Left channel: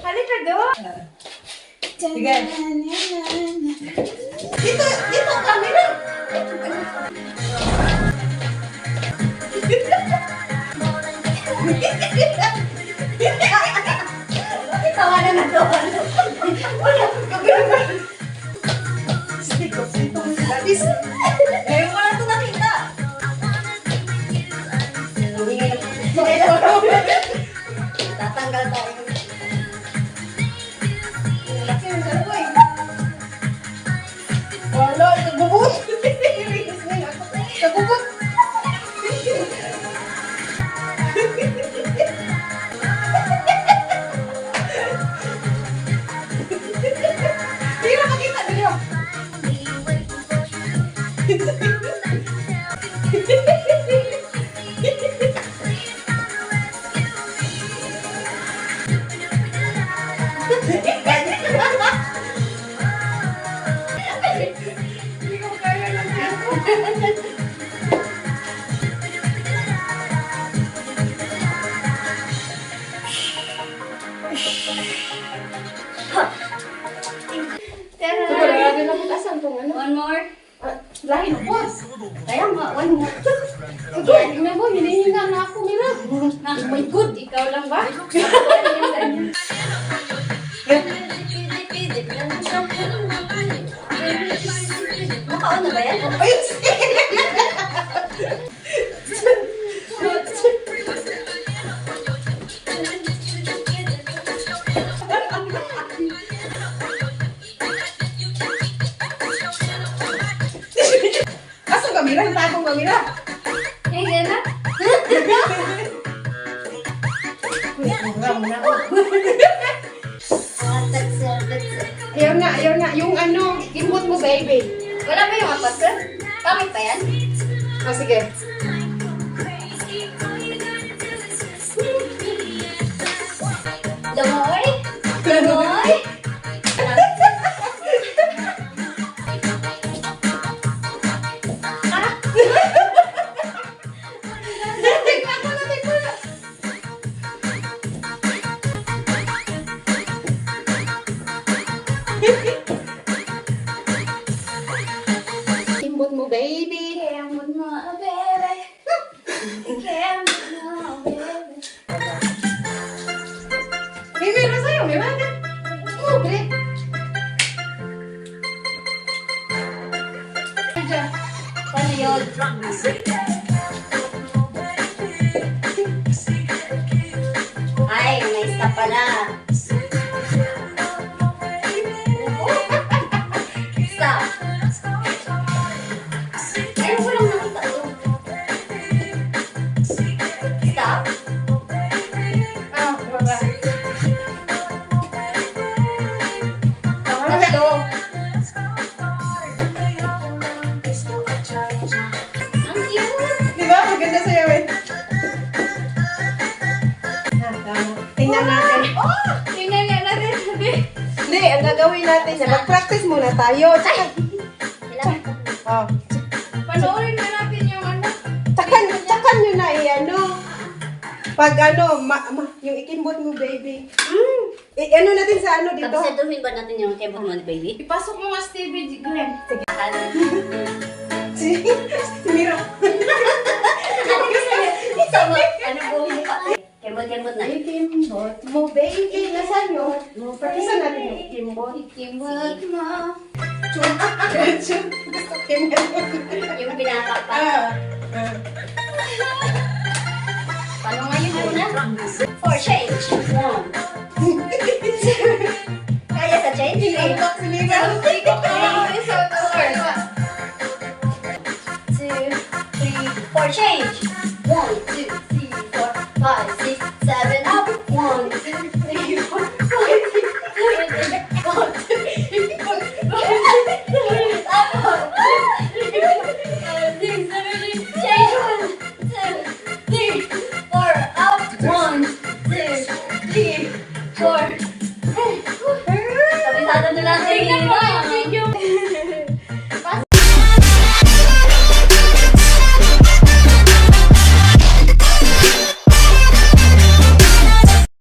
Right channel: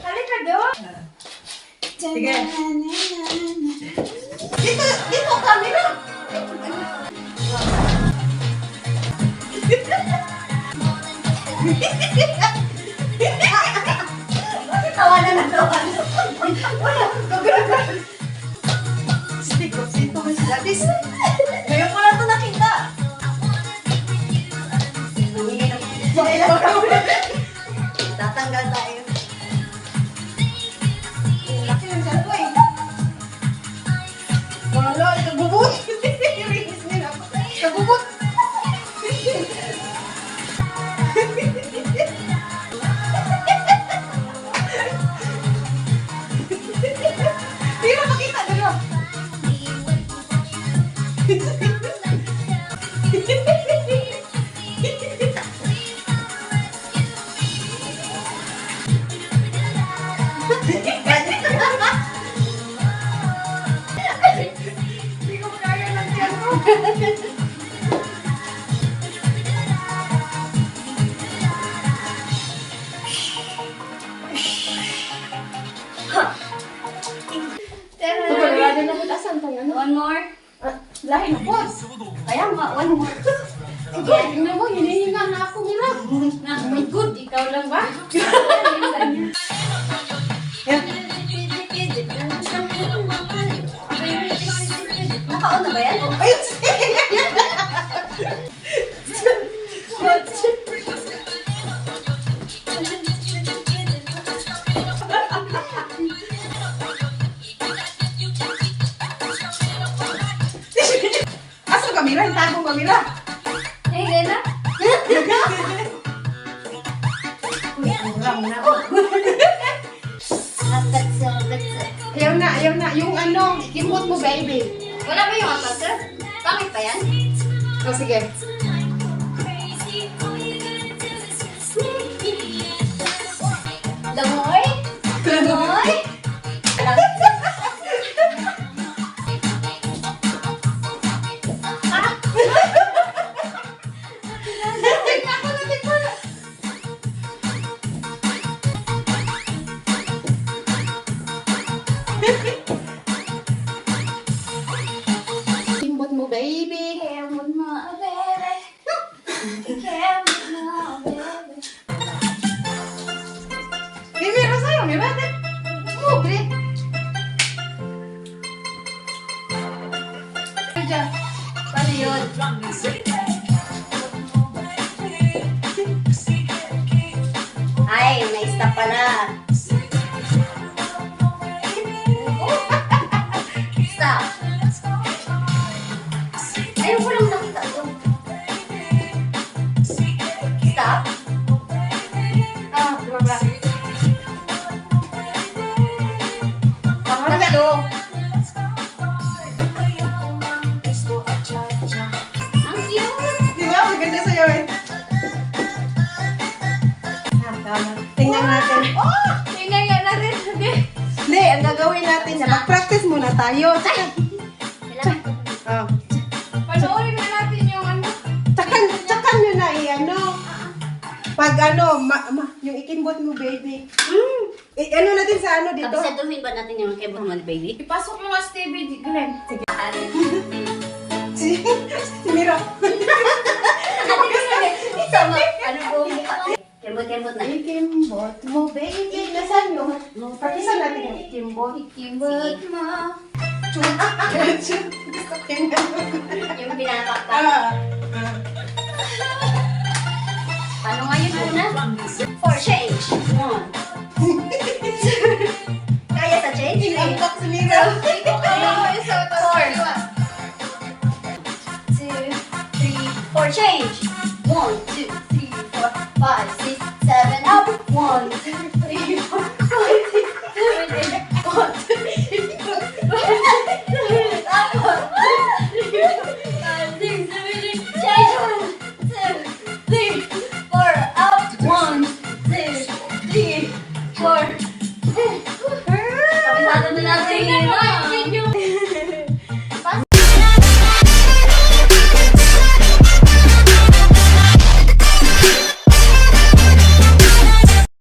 Halika doon. Sige. Dito, camera. Tawanan na to. Siko mo sila. Ngayon ko lang ito nakita. Tatanggal tayo. Laki yung dalawa eh. Wala, nagubot. Nagubot. Hindi na makita dito. Hindi ko kaya lang yan. Wala din ako asan to. One more. Lahi na boss. Kaya nga, one more. Sige, tingnan mo, hinihinga na ako nila. Oh my God, ikaw lang ba? Makaon na ba yan? Ayun, asang kamera? Hintay kong kamera. Hindi na. Ayaw na. Yung ano, kimot mo, baby. Wala ba yung apat, sir? Bakit pa yan? O, sige. Lamoy? Lamoy? Kimot mo, baby. Kemot mo, bebe. Kemot mo, bebe. Baby, ano sa'yo? May mata. Mo, baby. Diyan. Paano yun? Ay, na-stop pala. Stop. Ayun ko lang nakita ito. Stop. Ah, baba. Pangatlo. Ang cute. Diba? Maganda sa'yo eh. Ah, tama. Tingnan natin. Oh! Tingnan nga natin. Hindi, ang gagawin natin na mag-practice muna tayo. Kailangan ko. Oh. Panoorin na natin yung ano. Tsakan nyo na ano. Pag ano, yung ikimbot mo, baby. Ano natin sa ano dito? Abisaduhin ba natin yung kebot mo, baby? Ipasok mo nga, Stevie, Glenn. Sige. Sige. Si Miro. Ano po ang mukha? Kebot-kebot na. Ikimbot mo, baby. Nasaan yun? Pakisa natin yung ikimbot. Kebot mo. Chum. Gusto ko yun. Yung pinapakpak. Ah. Ano nga yun muna? For change.